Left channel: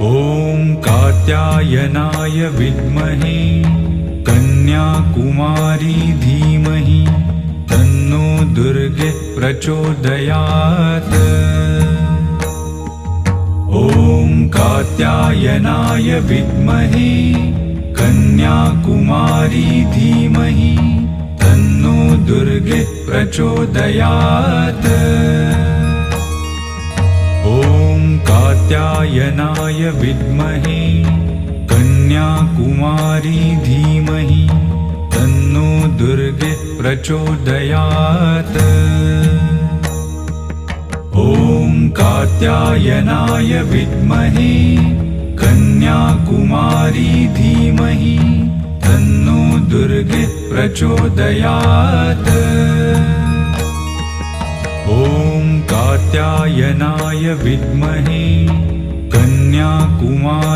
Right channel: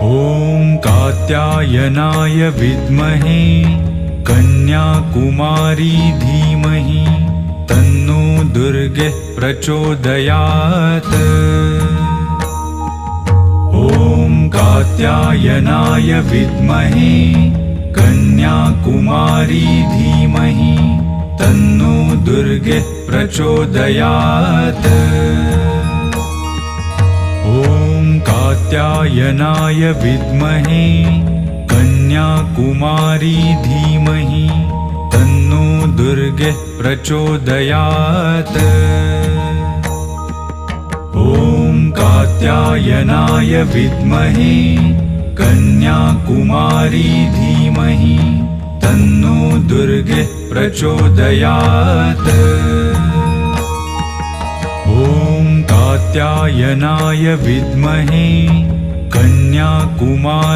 ॐ कात्यायनाय विद्महे कन्याकुमारी धीमहि तन्नो दुर्गे प्रचोदयात्। ॐ कात्यायनाय विद्महे कन्याकुमारी धीमहि तन्नो दुर्गे प्रचोदयात्। ॐ कात्यायनाय विद्महे कन्याकुमारी धीमहि तन्नो दुर्गे प्रचोदयात्। ॐ कात्यायनाय विद्महे कन्याकुमारी धीमहि तन्नो दुर्गे प्रचोदयात्। ॐ कात्यायनाय विद्महे कन्याकुमारी